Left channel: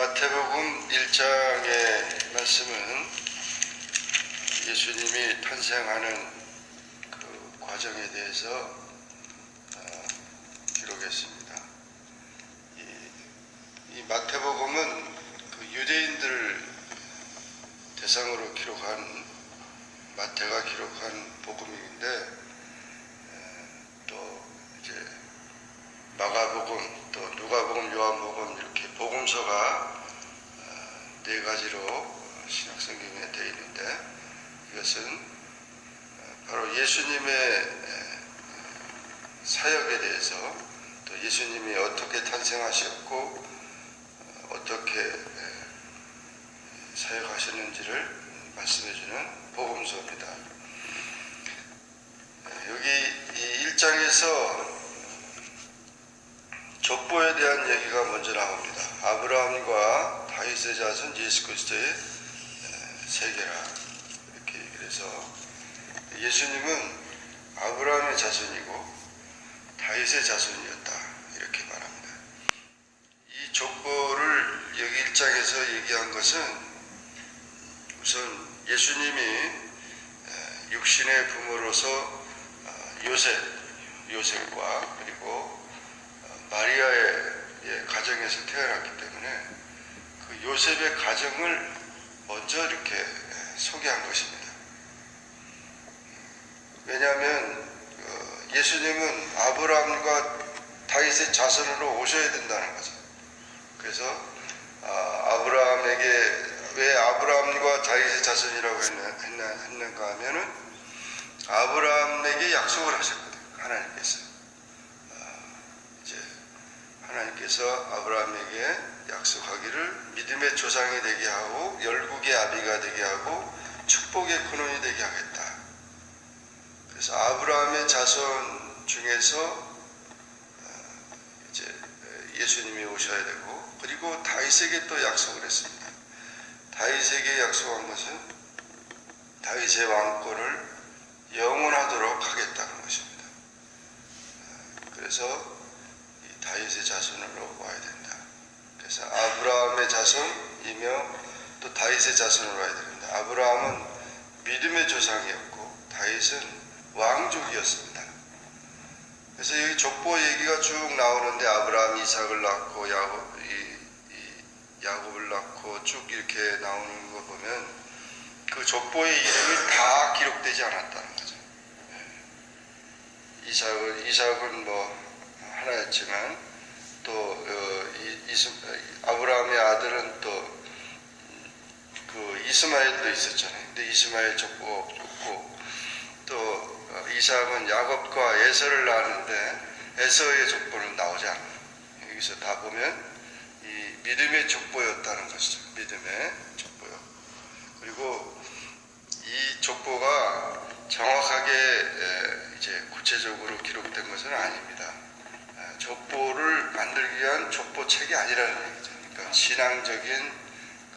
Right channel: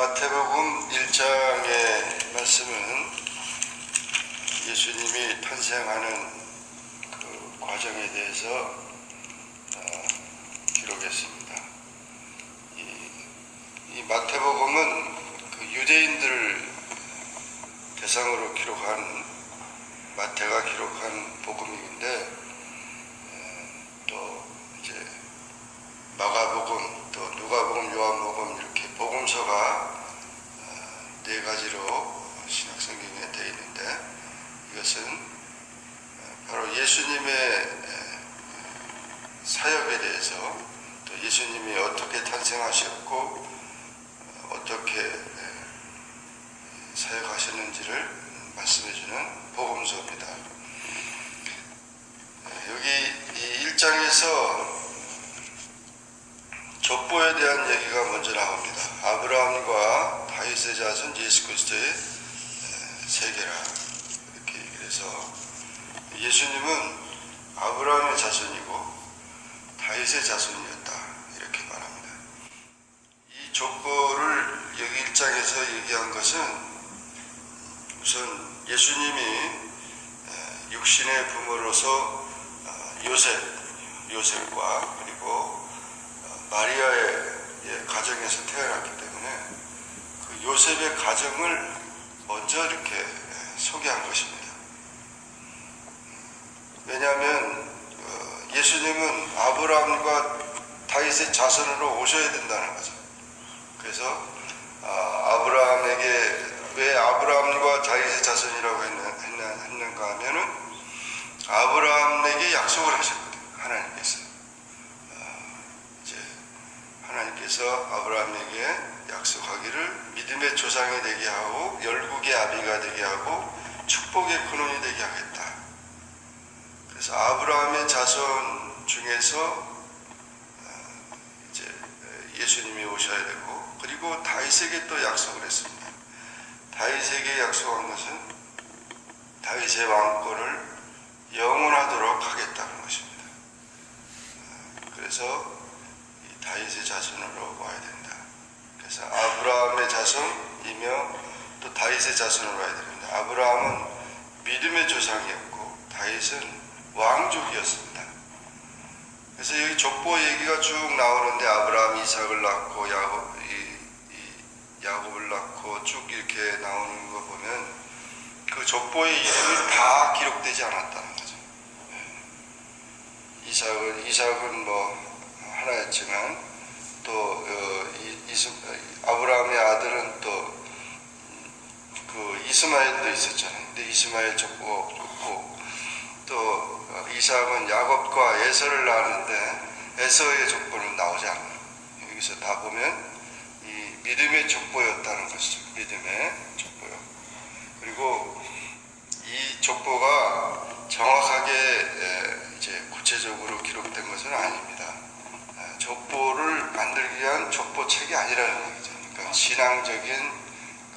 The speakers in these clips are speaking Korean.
마태복음 1장의 말씀은 예수님이 탄생하는 그 과정에 대해서 기록했습니다. 이 마태복음은 그 유대인들을 대상으로 기록한 마태가 기록한 복음인데 또 이제 마가복음, 또 누가복음, 요한복음 이렇게 복음서가 네 가지로 신약성경에 되어 있는데 이것은 바로 예수님의 사역에 대해서 또 예수님이 어떻게 탄생하셨고 어떻게 사역하셨는지를 말씀해주는 복음서입니다. 여기 이 1장에서 족보에 대한 얘기가 먼저 나옵니다. 아브라함과 다윗의 자손 예수 그리스도의 세계라 이렇게 얘기를 해서 예수님은 아브라함의 자손이고 다윗의 자손이었다 이렇게 말합니다. 이 족보를 여기 1장에서 얘기한 것은 우선 예수님이 육신의 부모로서 요셉과 그리고 마리아의 가정에서 태어났기 때문에 그 요셉의 가정을 먼저 이렇게 소개한 것입니다. 왜냐하면 예수님은 아브라함과 다윗의 자손으로 오셔야 된다는 거죠. 그래서 아브라함에게 왜 아브라함과 다윗의 자손이라고 했는가 하면은 아브라함에게 약속을 하셨거든요. 하나님께서 아브라함에게 약속하기를 믿음의 조상이 되게 하고 열국의 아비가 되게 하고 축복의 근원이 되게 하겠다. 그래서 아브라함의 자손 중에서 이제 예수님이 오셔야 되고 그리고 다윗에게 또 약속을 했습니다. 다윗에게 약속한 것은 다윗의 왕권을 영원하도록 하겠다는 것입니다. 그래서 다윗의 자손으로 와야 된다. 그래서 아브라함의 자손이며 또 다윗의 자손으로 와야 됩니다. 아브라함은 믿음의 조상이었고 다윗은 왕족이었습니다. 그래서 여기 족보 얘기가 쭉 나오는데 아브라함이 이삭을 낳고 야곱을 낳고 쭉 이렇게 나오는 거 보면 그 족보의 이름이 다 기록되지 않았다는 거죠. 이삭은 뭐 하나였지만 또 아브라함의 아들은 또 그 이스마엘도 있었잖아요. 근데 이스마엘 족보가 없고 또 이삭은 야곱과 에서를 낳았는데 에서의 족보는 나오지 않아요. 여기서 다 보면 이 믿음의 족보였다는 것이죠. 믿음의 족보요. 그리고 이 족보가 정확하게 이제 구체적으로 기록된 것은 아닙니다. 족보를 만들기 위한 족보책이 아니라는 얘기죠. 그러니까 신앙적인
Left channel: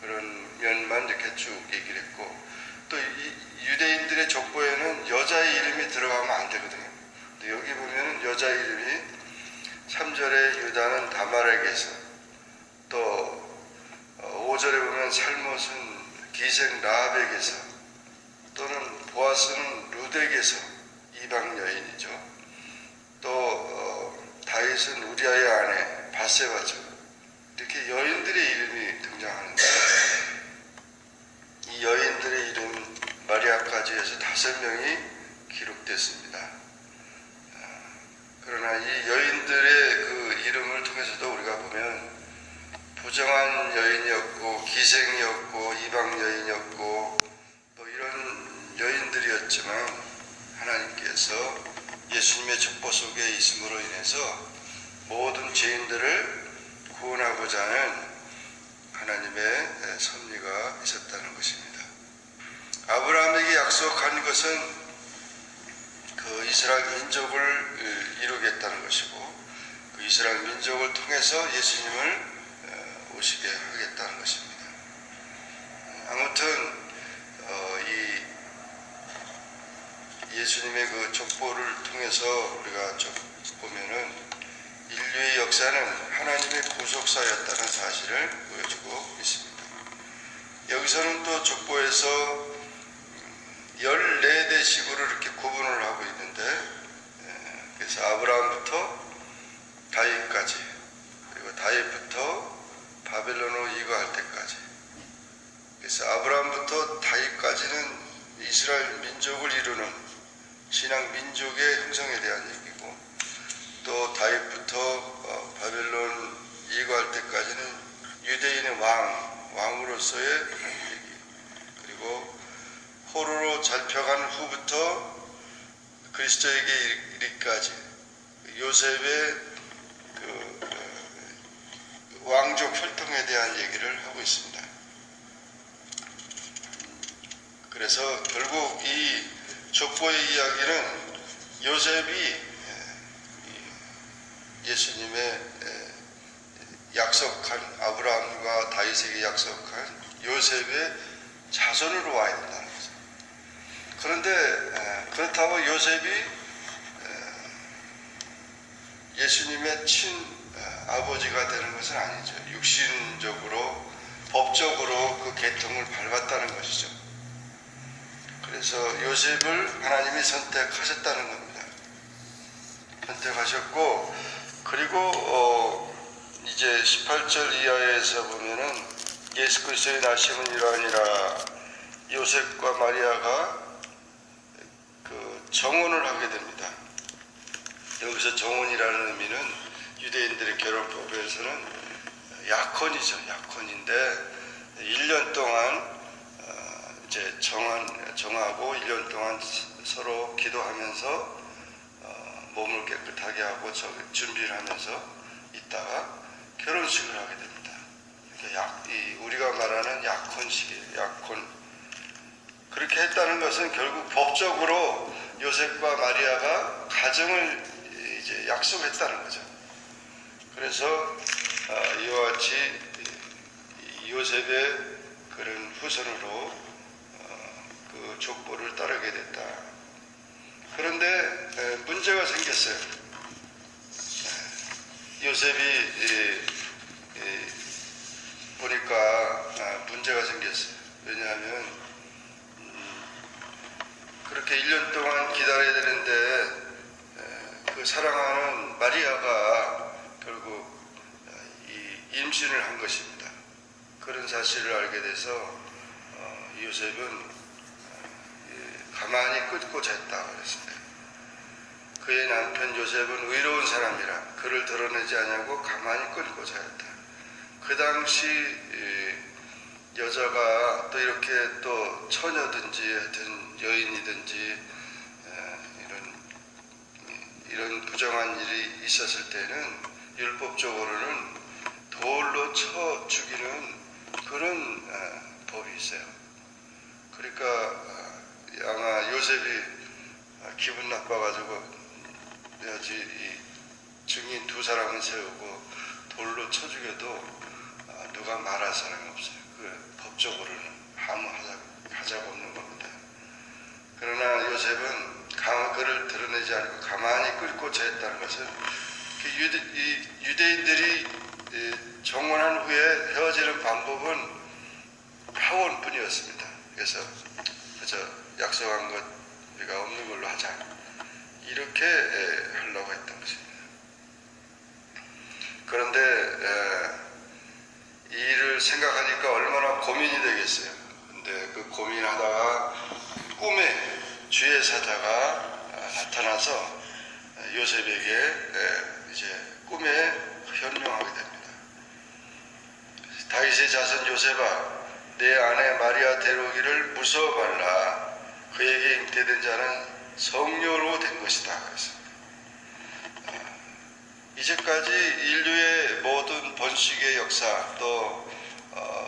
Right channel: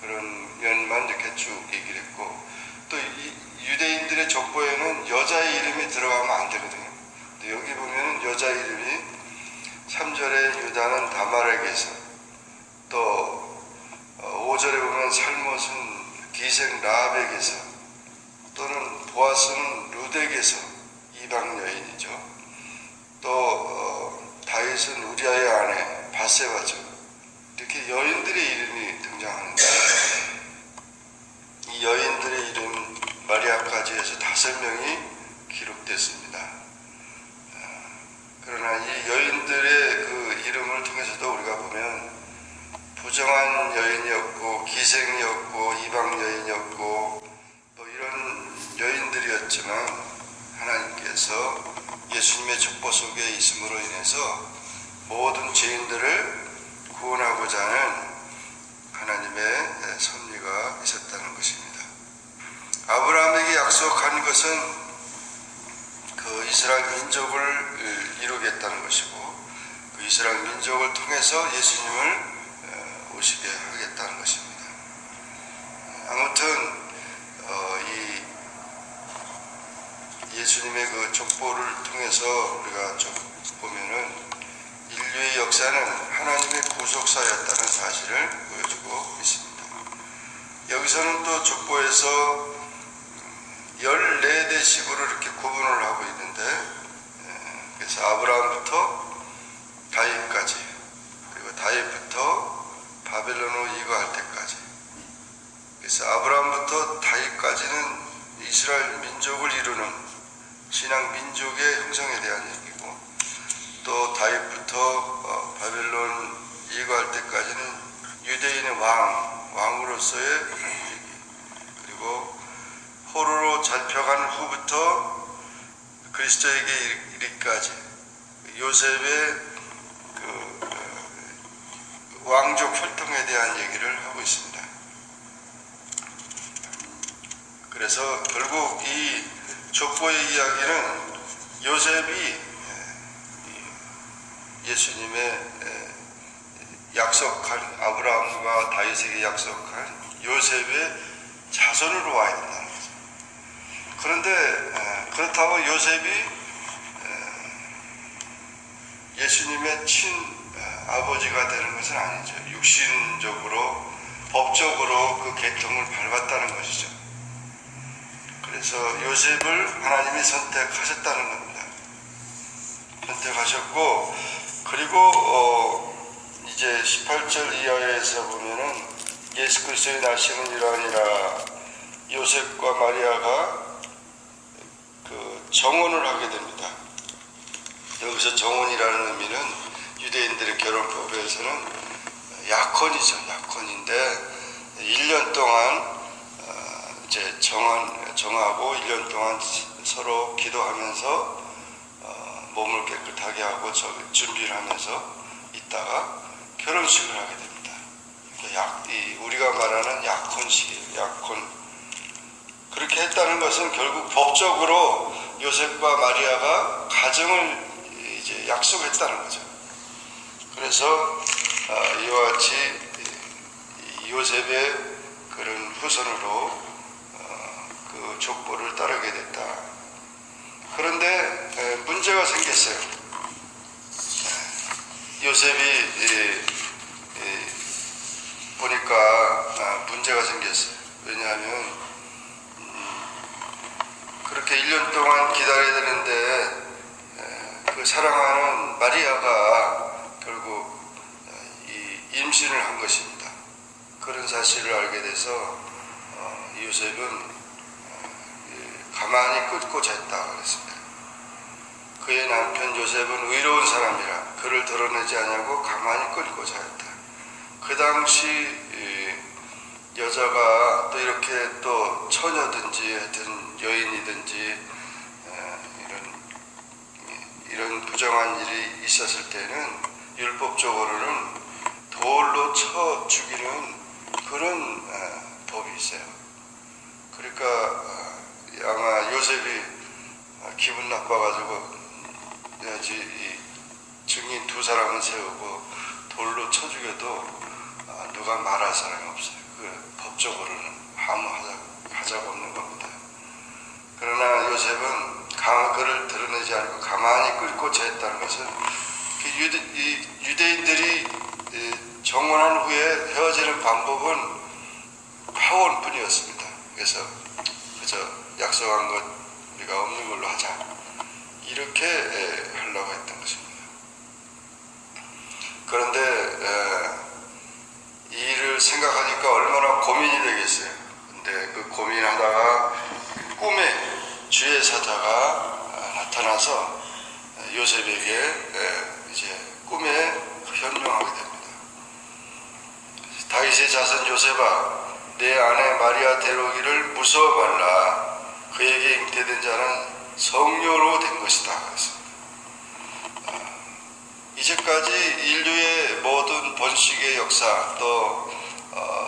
그런 면만 이렇게 쭉 얘기를 했고 또 유대인들의 족보에는 여자의 이름이 들어가면 안 되거든요. 근데 여기 보면 여자 이름이 3절에 유다는 다말에게서 또 5절에 보면 살못은 기생 라합에게서 또는 보아스는 룻에게서 이방 여인이죠. 또 다윗은 우리아의 아내 바세바죠. 이렇게 여인들의 이름이 등장하는데 이 여인들의 이름 마리아까지 해서 5명이 기록됐습니다. 그러나 이 여인들의 그 이름을 통해서도 우리가 보면 부정한 여인이었고 기생이었고 이방 여인이었고 또 이런 여인들이었지만 하나님께서 예수님의 족보 속에 있음으로 인해서 모든 죄인들을 구원하고자 하는 하나님의 섭리가 있었다는 것입니다. 아브라함에게 약속한 것은 그 이스라엘 민족을 이루겠다는 것이고 그 이스라엘 민족을 통해서 예수님을 오시게 하겠다는 것입니다. 아무튼 이 예수님의 그 족보를 통해서 우리가 좀 보면은 인류의 역사는 하나님의 구속사였다는 사실을 보여주고 있습니다. 여기서는 또 족보에서 14대식으로 이렇게 구분을 하고 있는데, 그래서 아브라함부터 다윗까지, 그리고 다윗부터 바벨론으로 이거할 때까지, 그래서 아브라함부터 다윗까지는 이스라엘 민족을 이루는 신앙 민족의 형성에 대한 얘기고, 또 다윗부터 바벨론 이거할 때까지는 유대인의 왕으로서의 얘기, 그리고 포로로 잡혀간 후부터 그리스도에게 이르기까지 요셉의 왕족 혈통에 대한 얘기를 하고 있습니다. 그래서 결국 이 족보의 이야기는 요셉이 예수님의 약속한 아브라함과 다윗에게 약속한 요셉의 자손으로 와야 된다는 거죠. 그런데 그렇다고 요셉이 예수님의 친아버지가 되는 것은 아니죠. 육신적으로 법적으로 그 계통을 밟았다는 것이죠. 그래서 요셉을 하나님이 선택하셨다는 겁니다. 선택하셨고, 그리고 이제 18절 이하에서 보면은 예수 그리스도의 나시는 이러하니라, 요셉과 마리아가 그 정혼을 하게 됩니다. 여기서 정혼이라는 의미는 유대인들의 결혼법에서는 약혼이죠. 약혼인데 1년 동안 이제 정하고 1년 동안 서로 기도하면서 몸을 깨끗하게 하고 준비를 하면서 있다가 결혼식을 하게 됩니다. 우리가 말하는 약혼식이에요. 약혼. 그렇게 했다는 것은 결국 법적으로 요셉과 마리아가 가정을 이제 약속했다는 거죠. 그래서 이와 같이 요셉의 그런 후손으로 그 족보를 따르게 됐다. 그런데 문제가 생겼어요. 요셉이 보니까 문제가 생겼어요. 왜냐하면 그렇게 1년 동안 기다려야 되는데 그 사랑하는 마리아가 결국 임신을 한 것입니다. 그런 사실을 알게 돼서 요셉은 가만히 끊고 잤다 그랬습니다. 그의 남편 요셉은 의로운 사람이라 그를 드러내지 않냐고 가만히 끊고 자였다. 그 당시 여자가 또 이렇게 또 처녀든지 하여튼 여인이든지 이런 부정한 일이 있었을 때는 율법적으로는 돌로 쳐 죽이는 그런 법이 있어요. 그러니까 아마 요셉이 기분 나빠가지고 이 증인 2사람을 세우고 돌로 쳐 죽여도 누가 말할 사람이 없어요. 법적으로는 아무 하자가 없는 겁니다. 그러나 요셉은 그를 드러내지 않고 가만히 끌고 자했다는 것은 유대인들이 정혼한 후에 헤어지는 방법은 파혼뿐이었습니다. 그래서 그저 약속한 것 우리가 없는 걸로 하자, 이렇게 하려고 했던 것입니다. 그런데 이 일을 생각하니까 얼마나 고민이 되겠어요. 근데 그 고민하다가 꿈에 주의 사자가 나타나서 요셉에게 이제 꿈에 현명하게 됩니다. 다윗의 자손 요셉아, 내 아내 마리아 데려오기를 무서워 말라. 그에게 잉태된 자는 성녀로 된 것이다. 그랬습니다. 이제까지 인류의 모든 번식의 역사, 또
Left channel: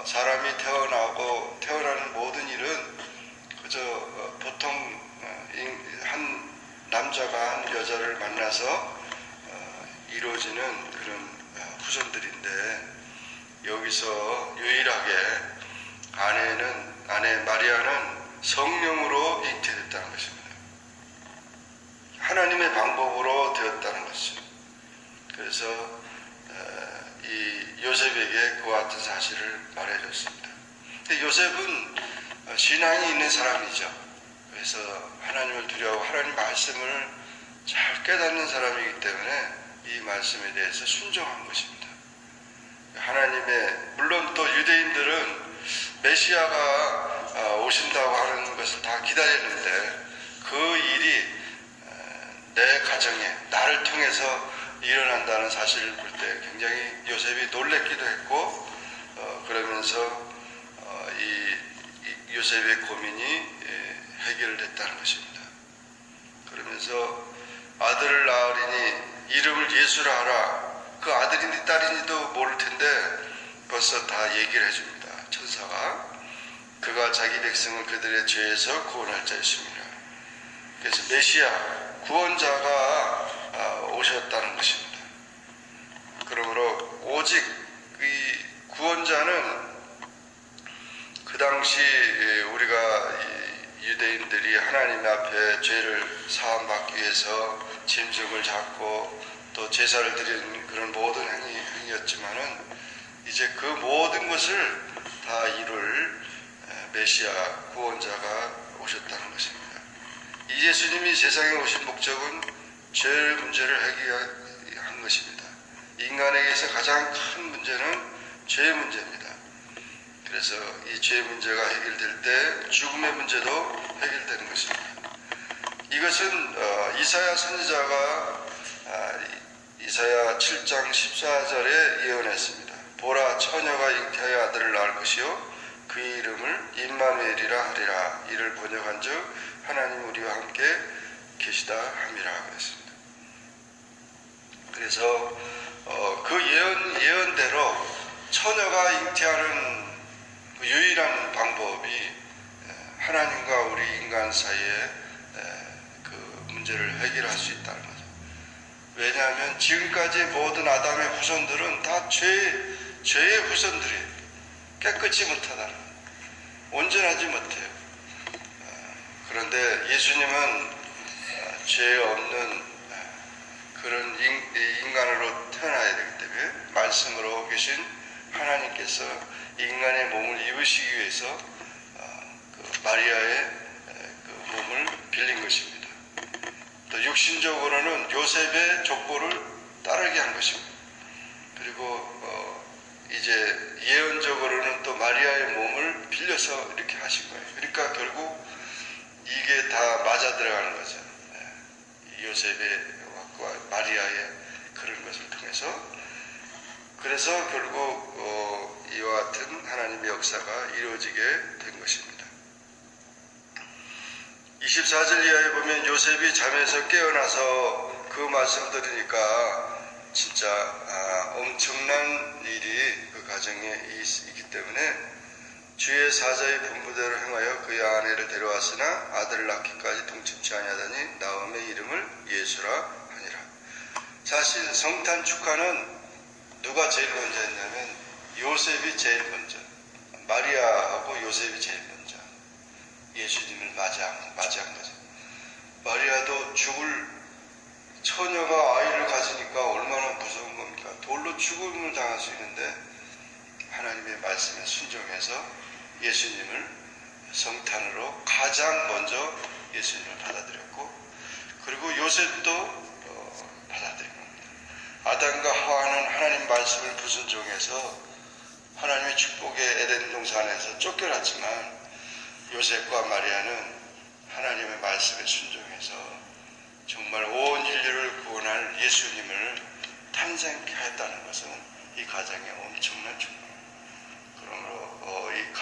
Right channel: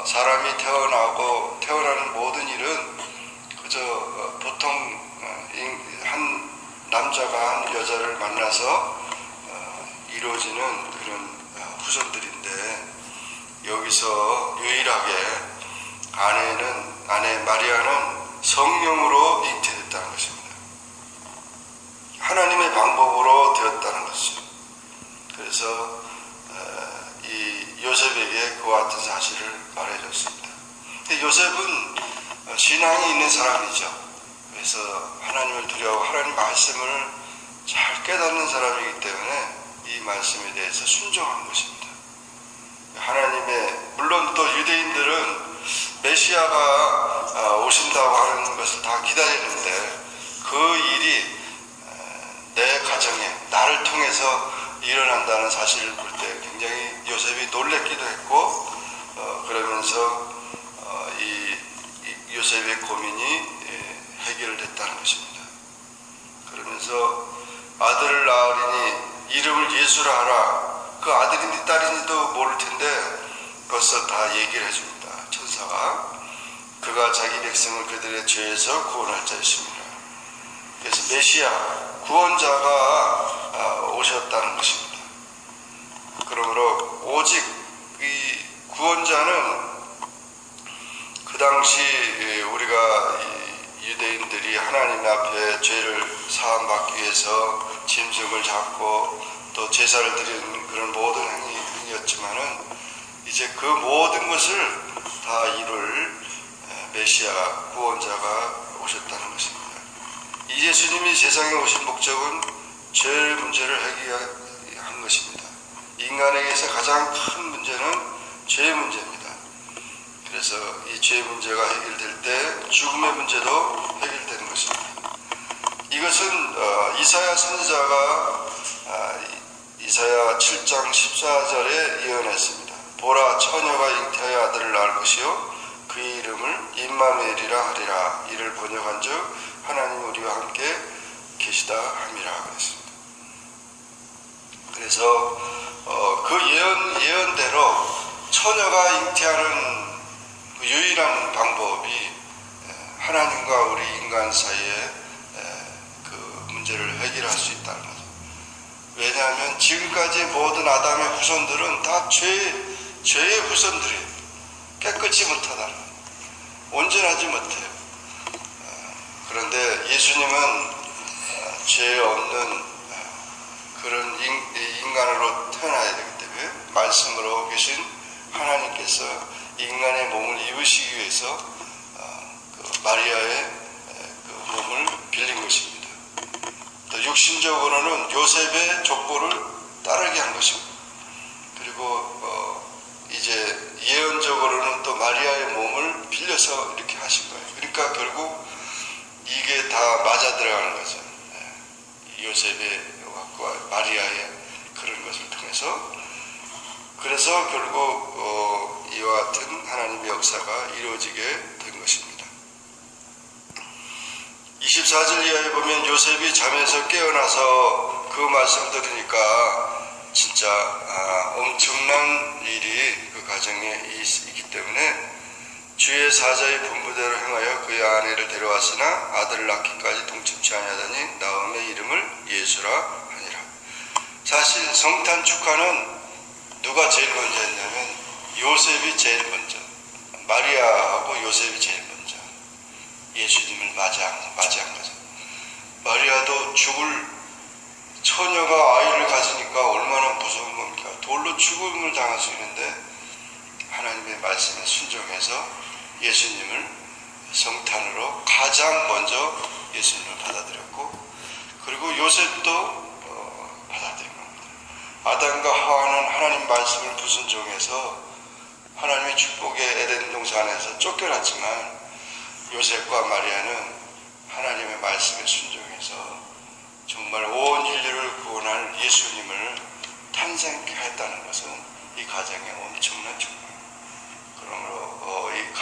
사람이 태어나는 모든 일은 그저 보통 한 남자가 한 여자를 만나서 이루어지는 그런 후손들인데, 여기서 유일하게 아내 마리아는 성령으로 잉태됐다는 것입니다. 하나님의 방법으로 되었다는 것이죠. 그래서 이 요셉에게 그와 같은 사실을 말해줬습니다. 근데 요셉은 신앙이 있는 사람이죠. 그래서 하나님을 두려워하고 하나님 말씀을 잘 깨닫는 사람이기 때문에 이 말씀에 대해서 순종한 것입니다. 하나님의, 물론 또 유대인들은 메시아가 오신다고 하는 것을 다 기다렸는데 그 일이 내 가정에 나를 통해서 일어난다는 사실을 볼 때 굉장히 요셉이 놀랬기도 했고 그러면서 이 요셉의 고민이 해결됐다는 것입니다. 그러면서 아들을 낳으리니 이름을 예수라 하라. 그 아들인지 딸인지도 모를 텐데 벌써 다 얘기를 해줍니다. 천사가 그가 자기 백성을 그들의 죄에서 구원할 자였습니다. 그래서 메시아 구원자가 오셨다는 것입니다. 그러므로 오직 이 구원자는 그 당시 우리가 유대인들이 하나님 앞에 죄를 사함받기 위해서 짐승을 잡고 또 제사를 드리는 그런 모든 행위였지만은 이제 그 모든 것을 다 이룰 메시아 구원자가 오셨다는 것입니다. 이 예수님이 세상에 오신 목적은 죄 문제를 해결한 것입니다. 인간에게서 가장 큰 문제는 죄 문제입니다. 그래서 이 죄 문제가 해결될 때 죽음의 문제도 해결되는 것입니다. 이것은 이사야 선지자가 이사야 7장 14절에 예언했습니다. 보라, 처녀가 잉태하여 아들을 낳을 것이요 그 이름을 임마누엘이라 하리라. 이를 번역한즉 하나님 우리와 함께 계시다 함이라 그랬습니다. 그래서 그 예언대로 처녀가 잉태하는 그 유일한 방법이 하나님과 우리 인간 사이에 그 문제를 해결할 수 있다는 거죠. 왜냐하면 지금까지 모든 아담의 후손들은 다 죄의 후손들이에요. 깨끗이 못하다는 거예요. 온전하지 못해요. 그런데 예수님은 죄 없는 그런 인간으로 태어나야 되기 때문에 말씀으로 계신 하나님께서 인간의 몸을 입으시기 위해서 그 마리아의 그 몸을 빌린 것입니다. 또 육신적으로는 요셉의 족보를 따르게 한 것입니다. 그리고 이제 예언적으로는 또 마리아의 몸을 빌려서 이렇게 하신 거예요. 그러니까 결국 이게 다 맞아 들어가는 거죠. 요셉의 마리아의 그런 것을 통해서. 그래서 결국 이와 같은 하나님의 역사가 이루어지게 된 것입니다. 24절 이하에 보면 요셉이 잠에서 깨어나서 그 말씀 들으니까 진짜 엄청난 일이 그 가정에 있기 때문에 주의 사자의 분부대로 행하여 그의 아내를 데려왔으나 아들을 낳기까지 동침치 아니하더니 나음의 이름을 예수라 하니라. 사실 성탄 축하는 누가 제일 먼저 했냐면 요셉이 제일 먼저, 마리아하고 요셉이 제일 먼저 예수님을 맞이한 거죠. 마리아도 죽을 처녀가 아이를 가지니까 얼마나 무서운 겁니까? 돌로 죽음을 당할 수 있는데 하나님의 말씀에 순종해서 예수님을 성탄으로 가장 먼저 예수님을 받아들였고, 그리고 요셉도 받아들인 겁니다. 아담과 하와는 하나님 말씀을 불순종해서 하나님의 축복의 에덴 동산에서 쫓겨났지만 요셉과 마리아는 하나님의 말씀에 순종해서 정말 온 인류를 구원할 예수님을 탄생케 했다는 것은 이 가정의 엄청난 축복입니다. 그러므로 이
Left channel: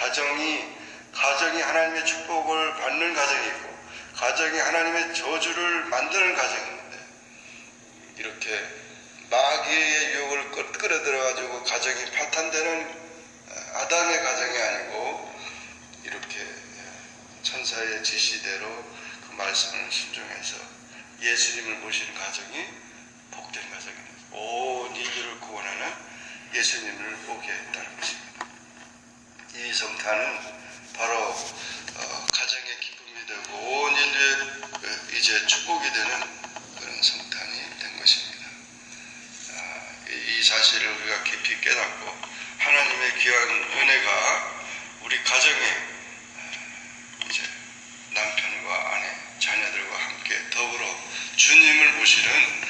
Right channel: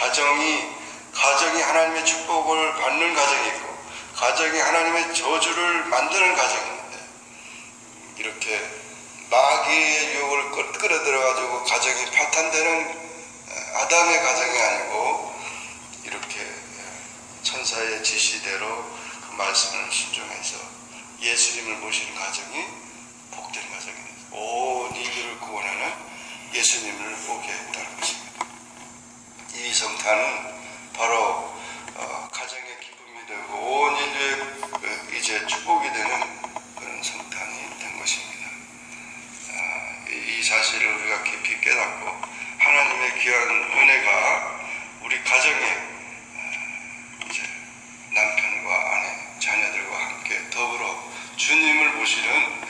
가정이 하나님의 축복을 받는 가정이 있고 가정이 하나님의 저주를 만드는 가정인데, 이렇게 마귀의 유혹을 끌어들여가지고 가정이 파탄되는 아담의 가정이 아니고 이렇게 천사의 지시대로 그 말씀을 순종해서 예수님을 모시는 가정이 복된 가정입니다. 온 인류를 구원하는 예수님을 보게 했다는 것입니다. 이 성탄은 바로 가정의 기쁨이 되고 온 인류의 이제 축복이 되는 그런 성탄이 된 것입니다. 사실을 우리가 깊이 깨닫고 하나님의 귀한 은혜가 우리 가정에 이제 남편과 아내, 자녀들과 함께 더불어 주님을 모시는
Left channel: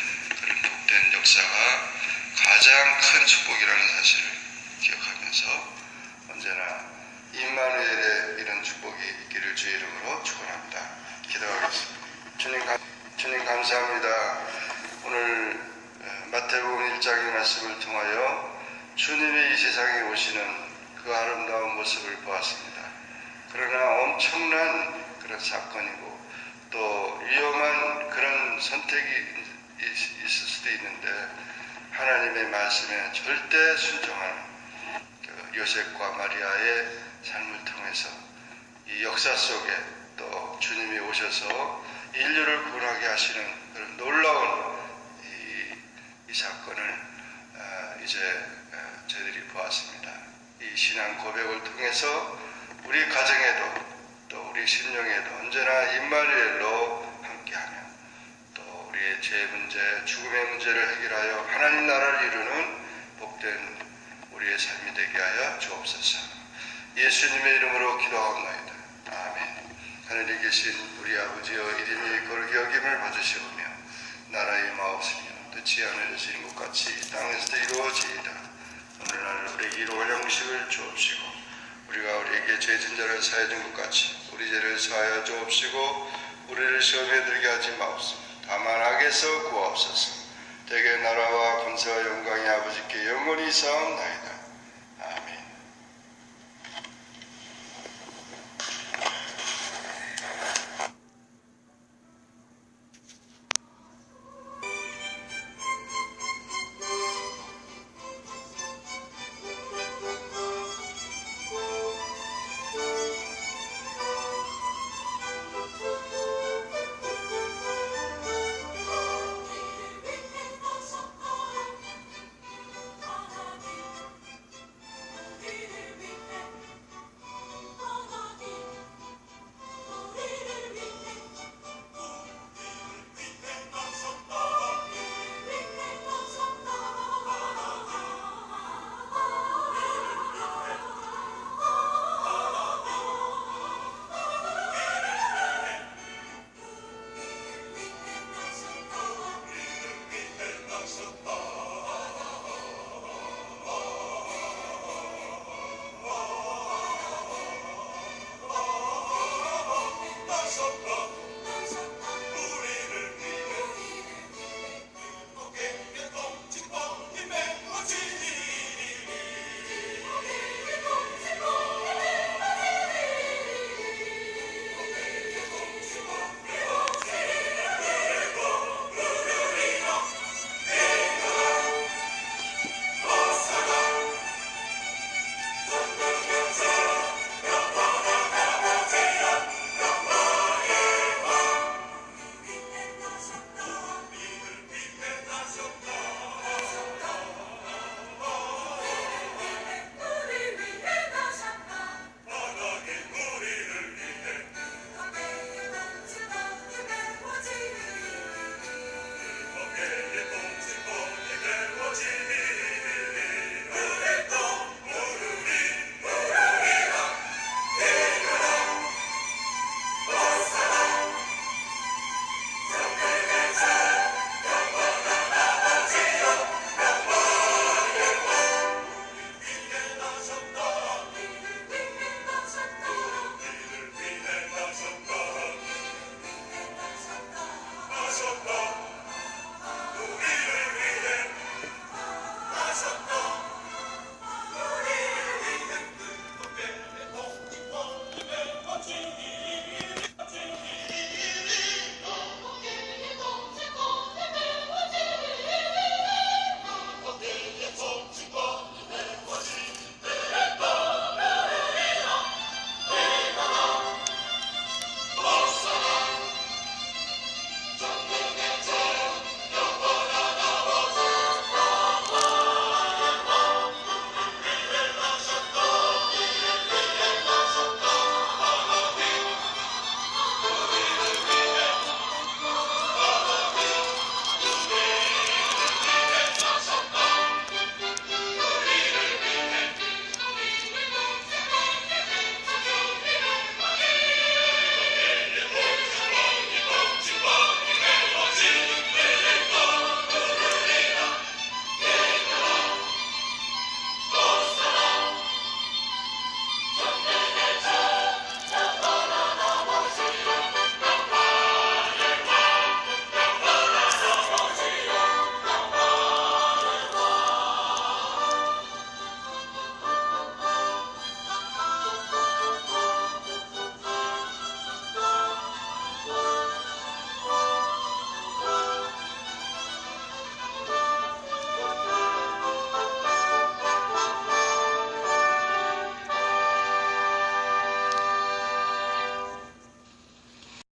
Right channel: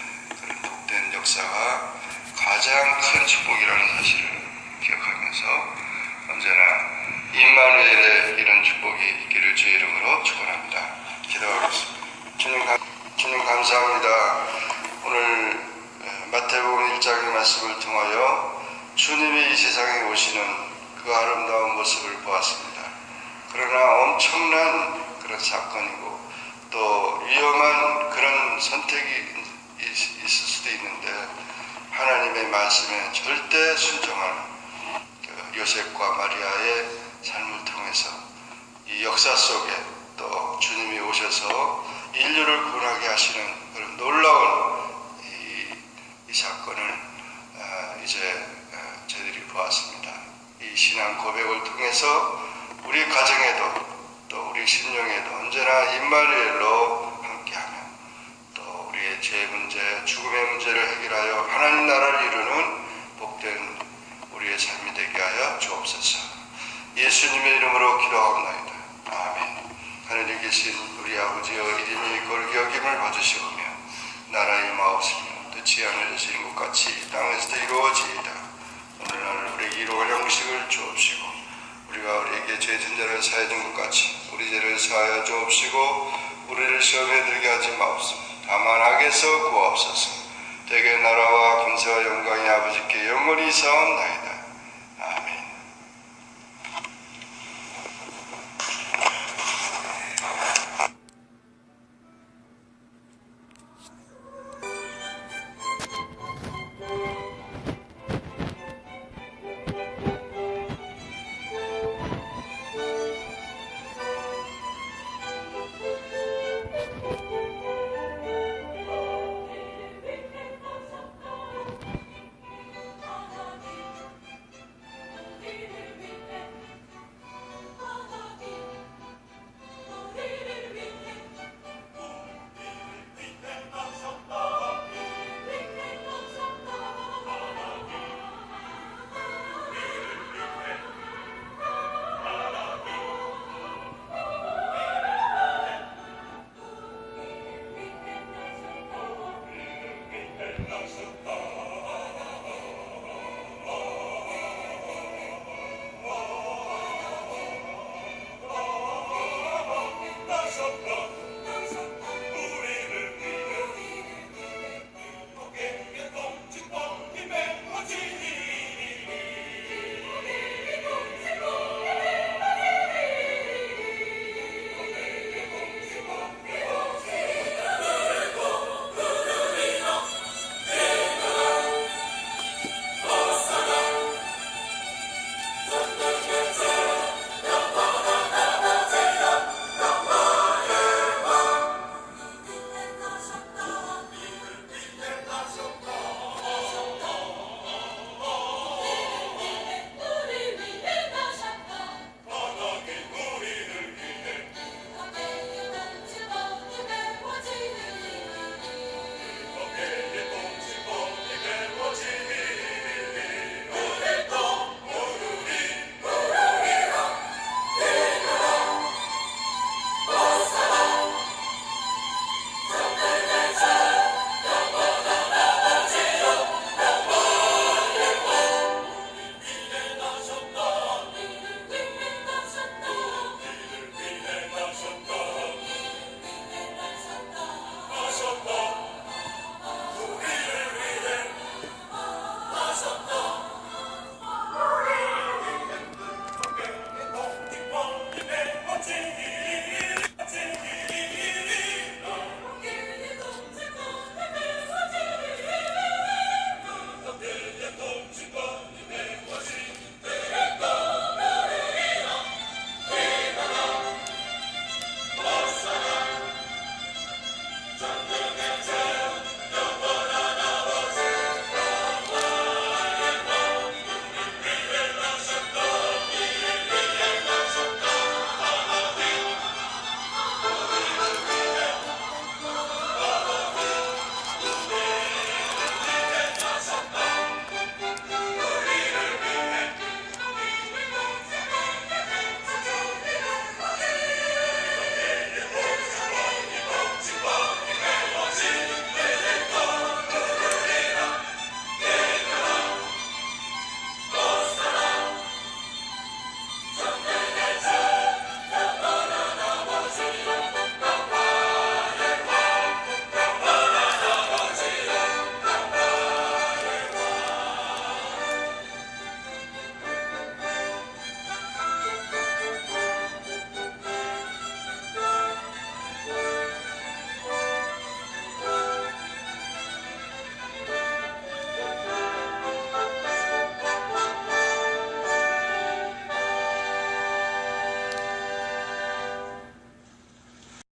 그런 복된 역사가 가장 큰 축복이라는 사실을 기억하면서 언제나 임마누엘의 이런 축복이 있기를 주의 이름으로 축원합니다. 기도하겠습니다. 주님 감사합니다. 오늘 마태복음 1장의 말씀을 통하여 주님이 이 세상에 오시는 그 아름다운 모습을 보았습니다. 그러나 엄청난 그런 사건이고 또 위험한 그런 선택이 있을 수도 있는데 하나님의 말씀에 절대 순종하는 요셉과 마리아의 삶을 통해서 이 역사 속에 또 주님이 오셔서 인류를 구원하게 하시는 그런 놀라운 이 사건을 이제 저희들이 보았습니다. 이 신앙 고백을 통해서 우리 가정에도 또 우리 심령에도 언제나 임마누엘로 함께하며 또 우리의 죄 문제, 죽음의 문제를 해결하여 하나님 나라를 이루는 복된 우리의 삶이 되게 하여 주옵소서. 예수님의 이름으로 기도하옵나이다. 아멘. 하늘에 계신 우리 아버지여 이름이 거룩히 여김을 받으시오며 나라의 마옵시며 뜻이 하늘에서 이룬 것 같이 땅에서도 이루어지이다. 오늘날 우리에게 일용할 양식을 주옵시고 우리가 우리에게 죄 진 자를 사하여 준 것 같이 우리 죄를 사하여 주옵시고 우리를 시험에 들게 하지 마옵소서. 다만 악에서 구하옵소서. 대개 나라와 권세와 영광이 아버지께 영원히 사옵나이다. 아멘. Stop.